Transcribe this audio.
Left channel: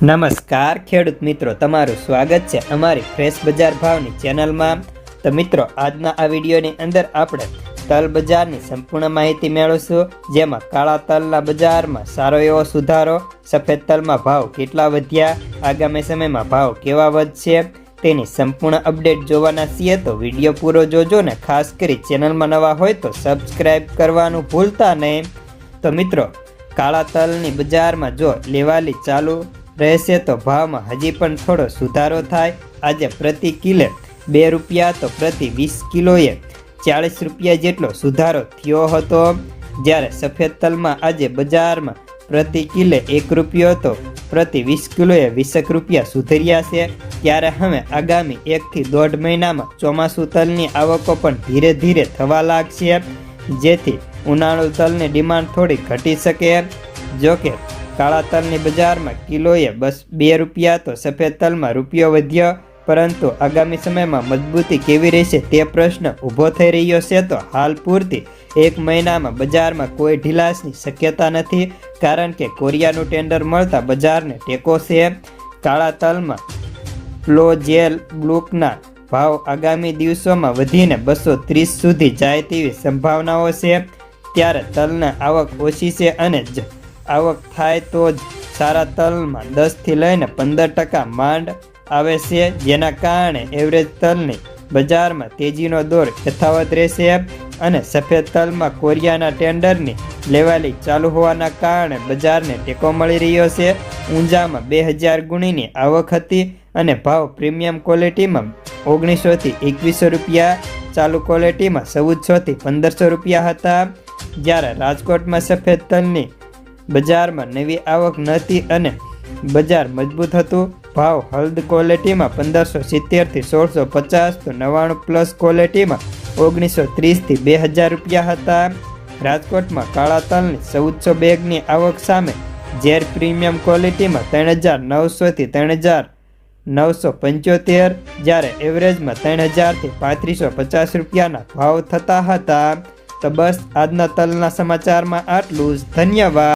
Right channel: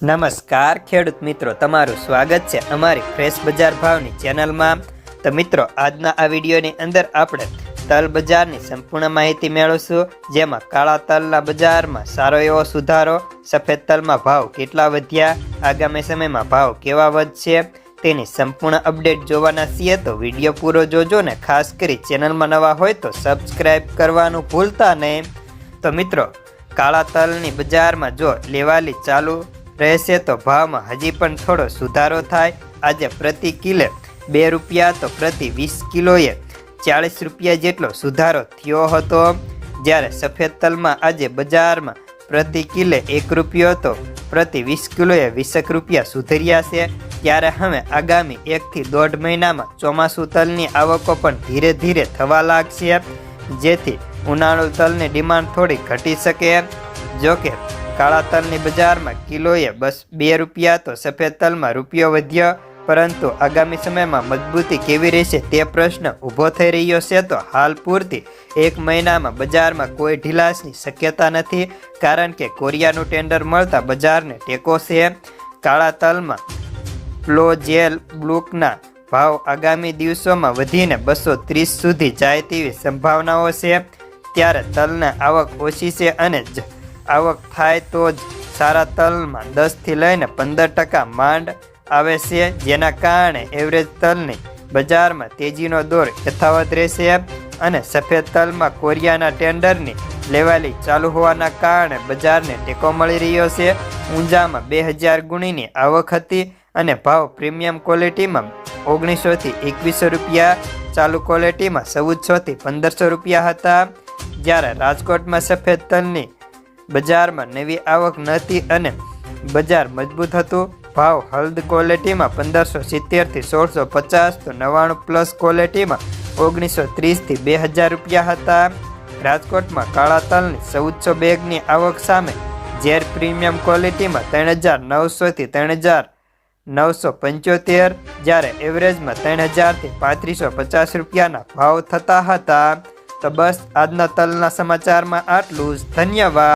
નમસ્કાર ખેડૂત મિત્રો, તમારું સ્વાગત છે અમારી ફ્રેશ બજાર ભાવની ચેનલમાં। તો મિત્રો, આજના આ વિડીયોની અંદર આપણે તલ બજારની સંપૂર્ણ માહિતી મેળવીશું, જેમાં કાળા તલના બજારમાં સારો એવો સુધારો, સફેદ તલમાં ભાવ કેટલા વધ્યા, આગામી સમયમાં ભાવ કેવા વધશે તેની સંપૂર્ણ અપડેટ જોવાના છીએ તો વિડીયો પૂરો જોજો ને ખાસ કરી ચેનલમાં નવા હોય તો સબસ્ક્રાઈબ કરવાનું ભૂલતા નહીં। તો મિત્રો, કાળા તલની બજારમાં જો લેવાલી ચાલુ રહેશે તો ભાવમાં હજી પણ થોડો સુધારો થાય। આજે પ્રતિ કિલે 2 રૂપિયા તો પ્રતિ 20 કિલોએ 40 રૂપિયા જેટલો સુધારો થયો હતો, જ્યારે સફેદ તલમાં આજે બજારમાં પ્રતિ કિલે 1 રૂપિયો તો પ્રતિ 20 કિલોએ 20 રૂપિયા સુધર્યા છે। ત્યારે હવે આગામી 1 થી 1.5 મહિનામાં ચોમાસું તલની આવકો પણ ધીરે ધીરે થવા લાગશે, જેથી ઉનાળુ તલની ડિમાન્ડ થોડી ઘટી શકે। જોકે કાળા તલની બજારમાં કિલોએ બસ 2 રૂપિયા તો સફેદ તલમાં રૂપિયો વધ્યો, પરંતુ આગામી સમયમાં મજબૂતી કેવી રહેશે તે પ્રશ્ન ઊભો થઈ રહ્યો છે। તો હાલ પૂરતી 1 મહિનામાં બજારમાં કોઈ ઢીલાશની શક્યતા નથી, કારણ કે કોરિયાનું ટેન્ડર મળતા બજારને ટેકો છે। કાળા તલમાં ફ્લોજેલ બ્લુકના ભાવ આગામી દિવસોમાં વધીને 230 સુધી જાય તેવી સંભાવનાઓ છે। ત્યારે તલના આવક ઓછી છે અને આવક થાય તો જ સારા તલમાં 10 થી લઈને 15% માંડ આવે છે, જેના કારણે એવરેજ તલની બજારમાં તેજીનો દોર યથાવત રહેશે। અને સફેદ તલમાં કોરિયાના ટેન્ડરની લેવાલી ચાલુ હોવાના કારણે બજારને ટેકો મળી રહ્યો છે। ઊંઝામાં 2000 ગુણીની આવક હતી અને ભાવ પ્રીમિયમ ક્વોલિટીમાં 1900 થી 2100 રૂપિયા, ચાલુ ક્વોલિટીમાં 1400 થી 1500 રૂપિયા હતા, જ્યારે રાજકોટમાં સફેદ તલની બજારમાં નવી આવક નહોતી અને બજાર મજબૂત હતું। ભાવ હળદ ક્વોલિટીમાં 1570 થી 1650 તો 99 પ્લસ ક્વોલિટીમાં 1930 થી 2000 રૂપિયા હતા। રાજકોટમાં કાળા તલની 1400 બેગની આવક સામે ઝેર પ્રીમિયમ ક્વોલિટીમાં 3900 થી 3975, જ્યારે એવરેજમાં 3000 થી 3550 રૂપિયાના ભાવ થતા હતા। તો બસ આજના તલના સમાચારમાં આટલું જ। ધન્યવાદ।